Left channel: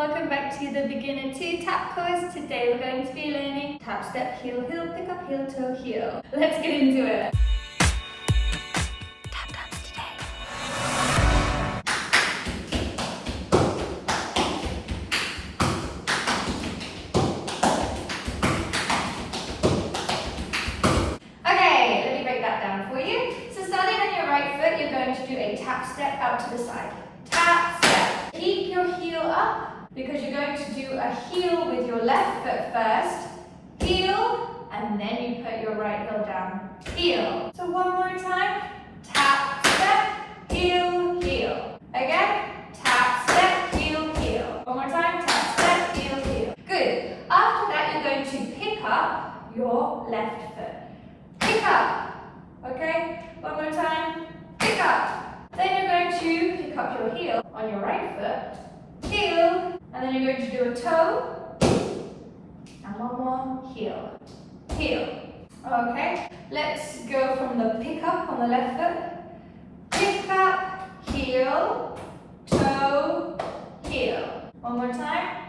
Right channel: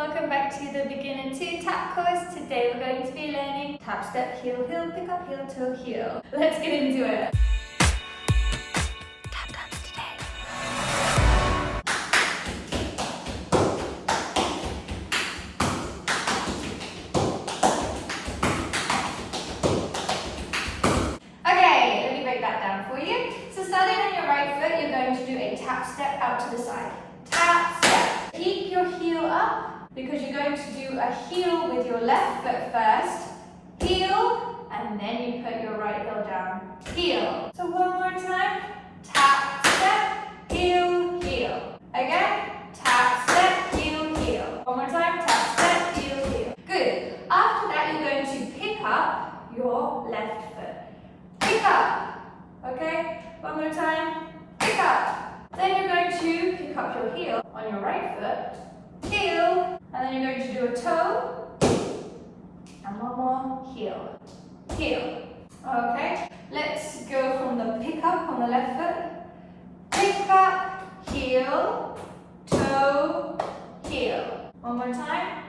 Welcome back to the Beginner 2 tap course. Today we're going to be learning tap, step, heel, heel, pick up, heel, toe, heel. Let's get into it. Tap dance today. Okay, let me break that down for you. So starting on your right foot, you're going to do a tap step out to the side. Tap, step. Keep your heel up, because you're going to do a heel with your left foot first, heel, and then you put your right heel down, heel. So one more time, tap, step, heel, heel. Again, tap, step, heel, heel. One more time, tap, step, heel, heel. Good. After that, you're going to pick up your left foot. Pick up, okay? One more time, pick up. Then you're going to pick up your heel on your right foot, heel, and then you're going to do a toe, and one more, heel, heel. Okay, let's go from the pick up on the left foot, pick up, heel, toe, heel. One more time,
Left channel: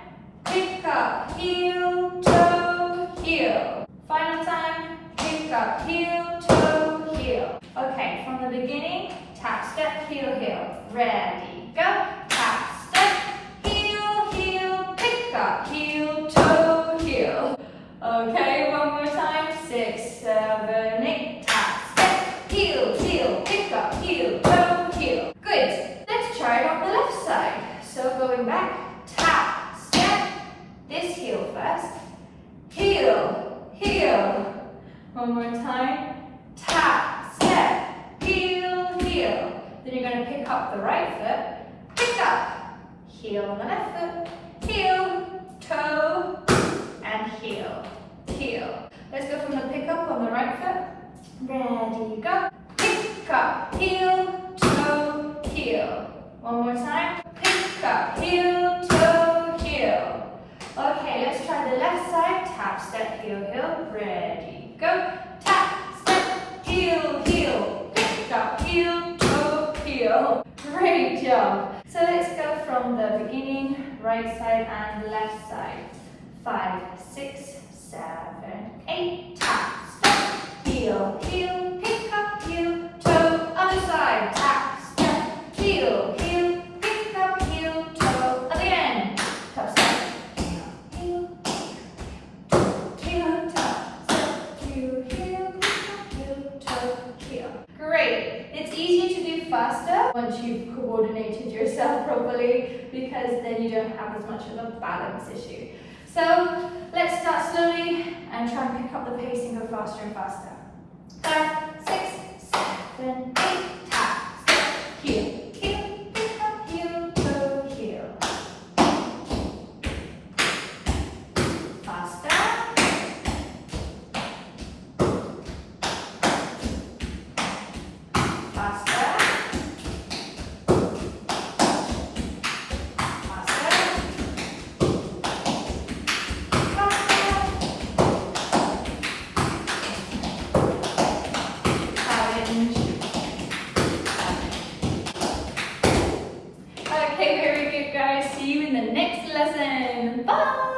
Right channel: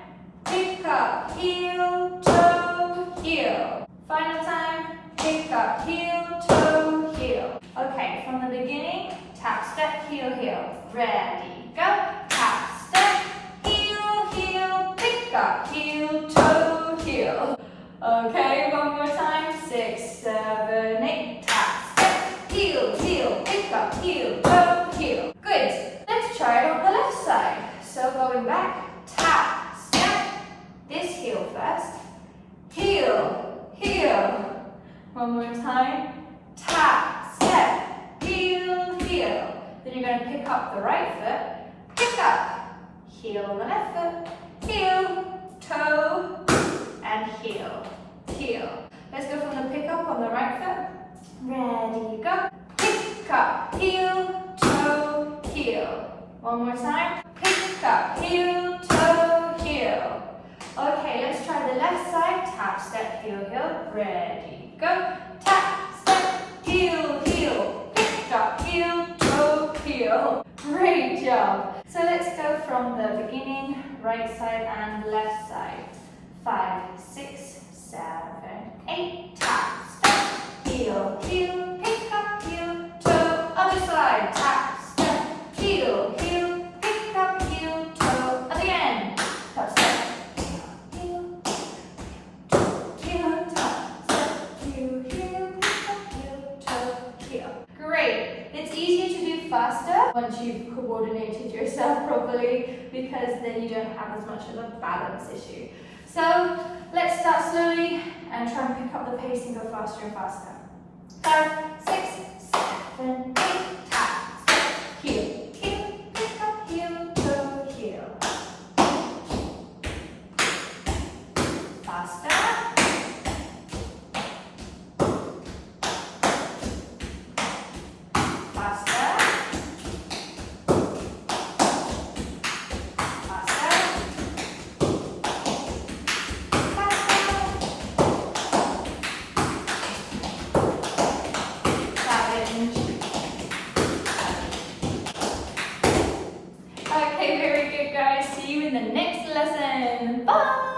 pick up, heel, toe, heel. Final time, pick up, heel, toe, heel. Okay, from the beginning, tap, step, heel, heel. Ready, go. Tap, step, heel, heel, pick up, heel, toe, heel. Okay, one more time. 6, 7, 8. Tap, step, heel, heel, pick up, heel, toe, heel. Good. Let's try it on the left side. So going back, tap, step, this heel first, heel, heel. One more time. Tap, step, heel, heel. Then you're going to pick up the right foot, pick up, heel on the left foot, heel, toe, and heel, heel. Let's go from the pick up on the right foot. Ready, go. Pick up, heel, toe, heel. One more time. Pick up, heel, toe, heel. Okay, let's try the left side. Tap, step, heel, heel. Ready, go. Tap, step, heel, heel. Pick up, heel, toe, heel. Great job. So let's go from the beginning, right side and left side. 5, 6, 7, 8. Tap, step, heel, heel, pick up, heel, toe. Other side. Tap, step, heel, heel, pick up, heel, toe. At the end. Tap, step, heel, heel, tap, step, heel, heel, pick up, heel, toe, heel. Great. It's easier to do faster once you've coordinated yourself properly, because then you don't have as much of a balance issue. So let's start slowly and try and pick up the pace and go faster and faster. 5, 6, 7, 8. Tap, step, heel, heel, pick up, heel, toe, heel. Faster. Okay, very good guys. See you in the next lesson. Bye!